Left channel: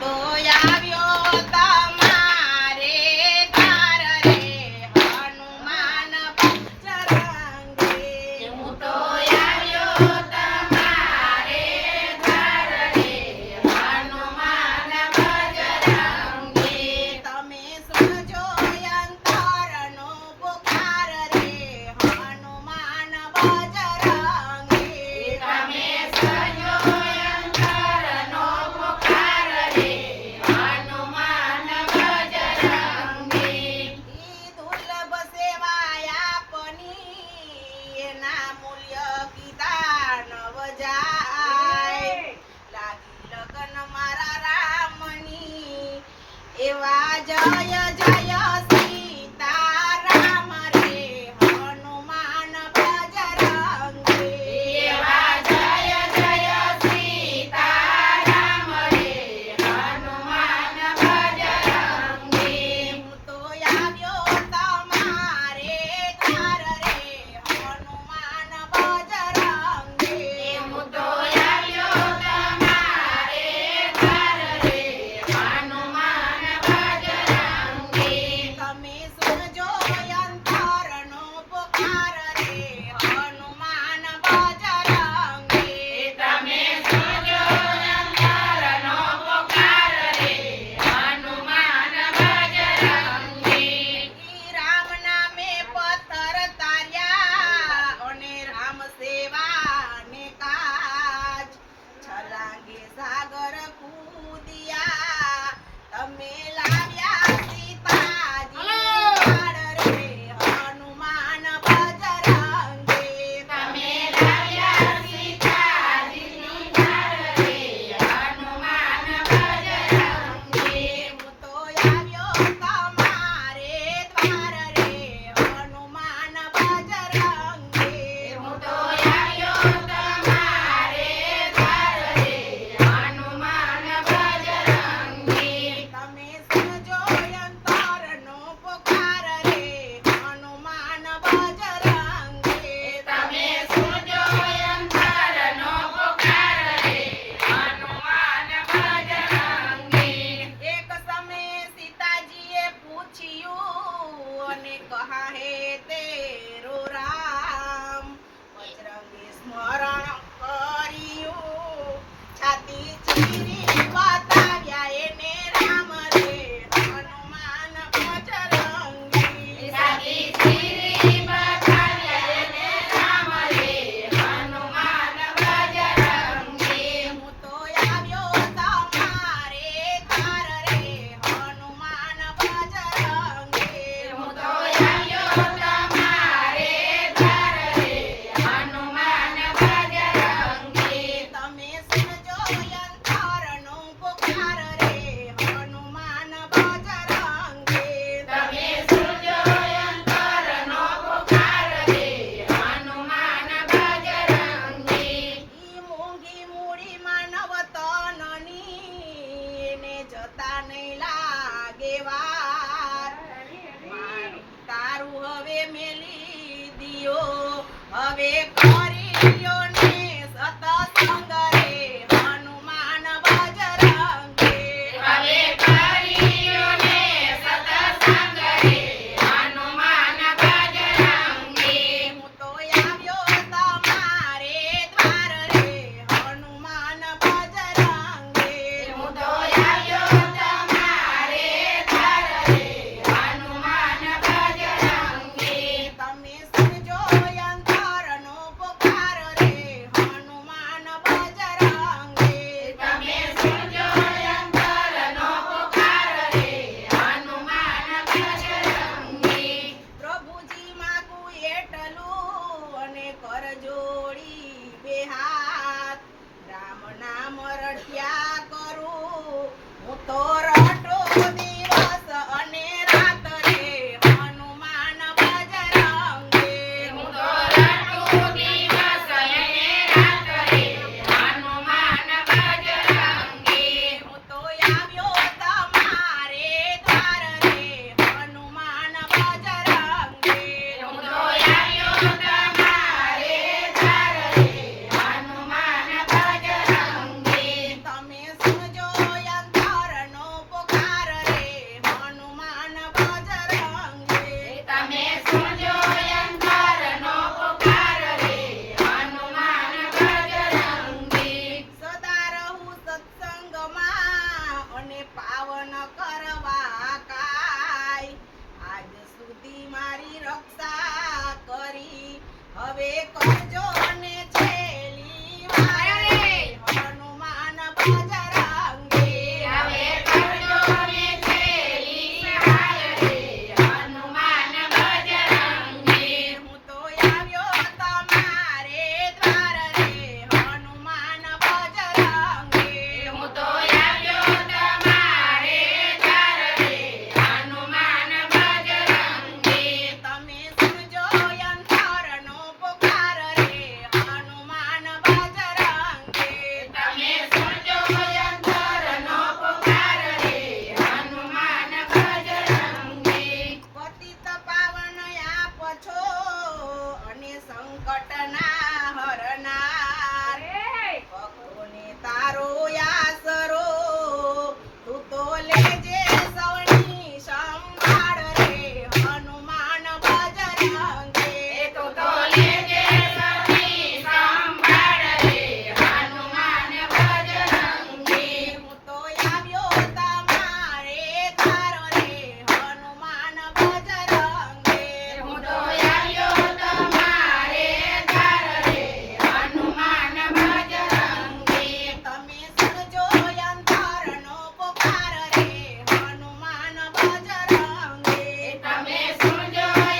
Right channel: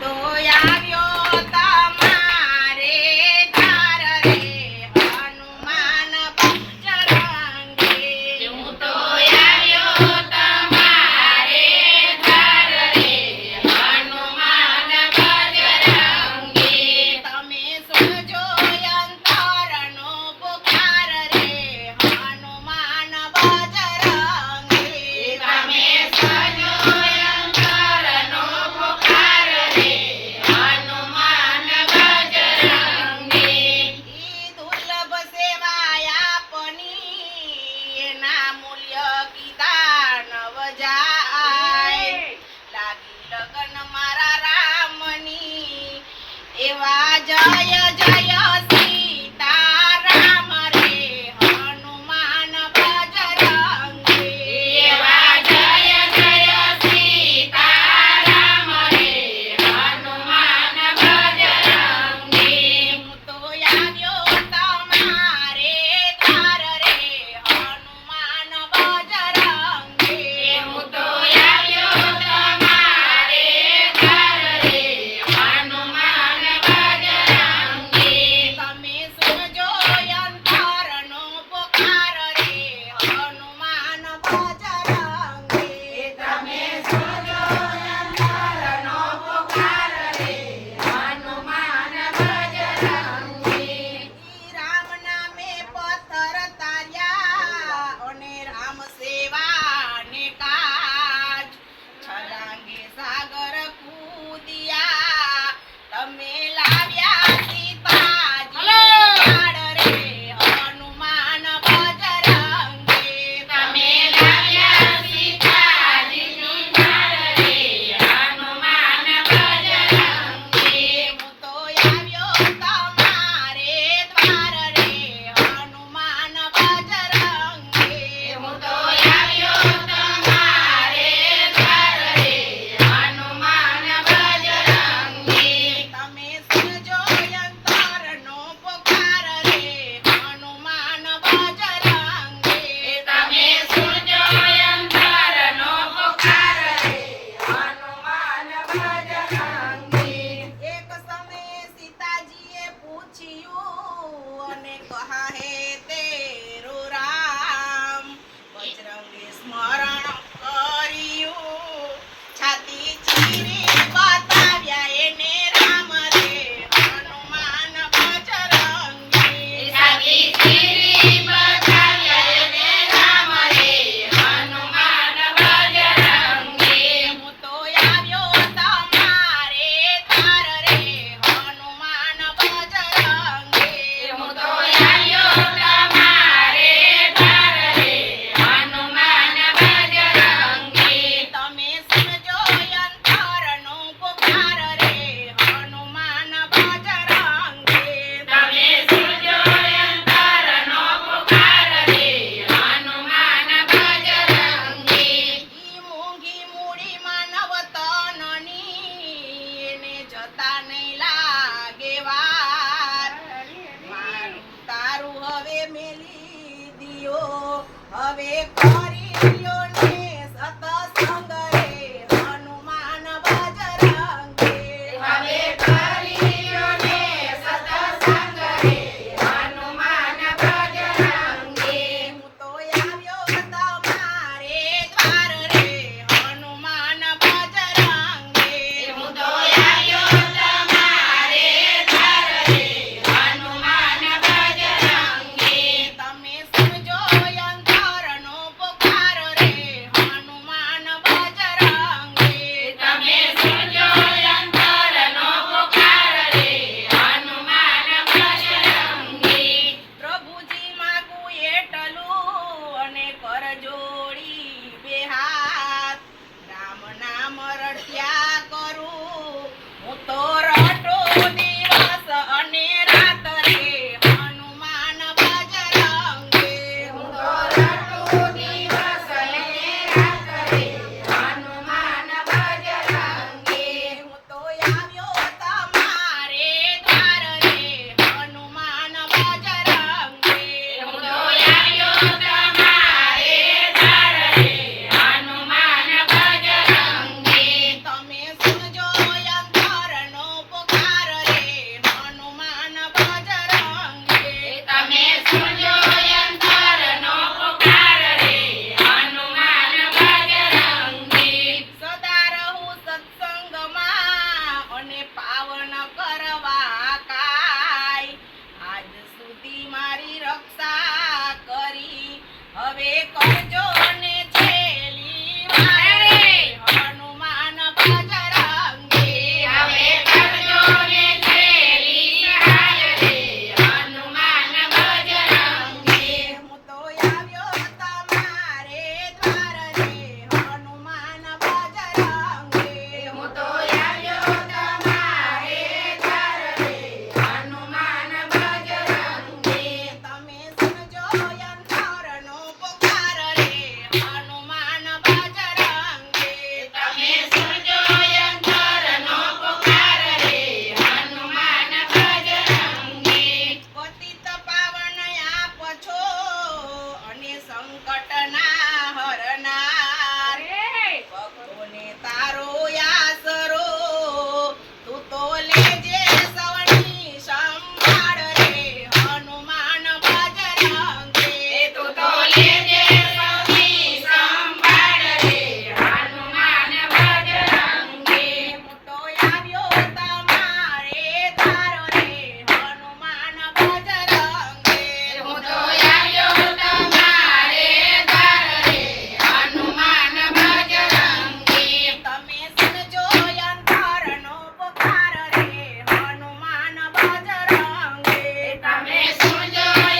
તો આવ્યો તમારે ધાર રે હનુમાન બજરંગી. હું તો આવ્યો તમારે ધાર રે હનુમાન બજરંગી. તમે સુનજો અંતરનો પુકાર રે હનુમાન બજરંગી. તમે સજો અંતરનો પુકાર રે હનુમાન બજરંગી. ઈ દુર્લભ સેવા આપની એના મૂલ્ય કીધા નવ જાય. લાગી લગન મારા રામની એવા જય જય સીતારામ રે હનુમાન બજરંગી. એવા જય જય સીતારામ રે હનુમાન બજરંગી. હું તો આવ્યો તમારે ધાર રે હનુમાન બજરંગી. હું તો આવ્યો તમારે ધાર રે હનુમાન બજરંગી. તમે સુનજો અંતરનો પુકાર રે હનુમાન બજરંગી. તમે સજો અંતરનો પુકાર રે હનુમાન બજરંગી. ઈ રામ નામે પથ્થર તાર્યા અને રામ સેવાને કાજ. છલાંગે સાગર કૂદિયા તમે લાવ્યા સીતાજી લાડ રે હનુમાન બજરંગી. તમે લાવ્યા સીતાજીની ધાર રે હનુમાન બજરંગી. હું તો આવ્યો તમારે દ્વાર રે હનુમાન બજરંગી. હું તો આવ્યો તમારે ધાર રે હનુમાન બજરંગી. તમે સુનજો અંતરનો પુકાર રે હનુમાન બજરંગી. તમે સજો અંતરનો પુકાર રે હનુમાન બજરંગી. એક સમયે સીતાજીએ પૂછ્યું અને કહા હે તેરો રામ. બજરંગે સ્મરણ કર્યું છાતી ચીરી બતાવ્યા એને રામ રે હનુમાન બજરંગી. સાકી ચીરી બતાવ્યા એને રામ રે હનુમાન બજરંગી. હું તો આવ્યો તમારે ધાર રે હનુમાન બજરંગી. હું તો આવ્યો તમારે ધાર રે હનુમાન બજરંગી. તમે સુનજો અંતરનો પુકાર રે હનુમાન બજરંગી. તમે સજો અંતરનો પુકાર રે હનુમાન બજરંગી. ઈ મૂંગી મૂડી માનવ તનની એને જતા નહીં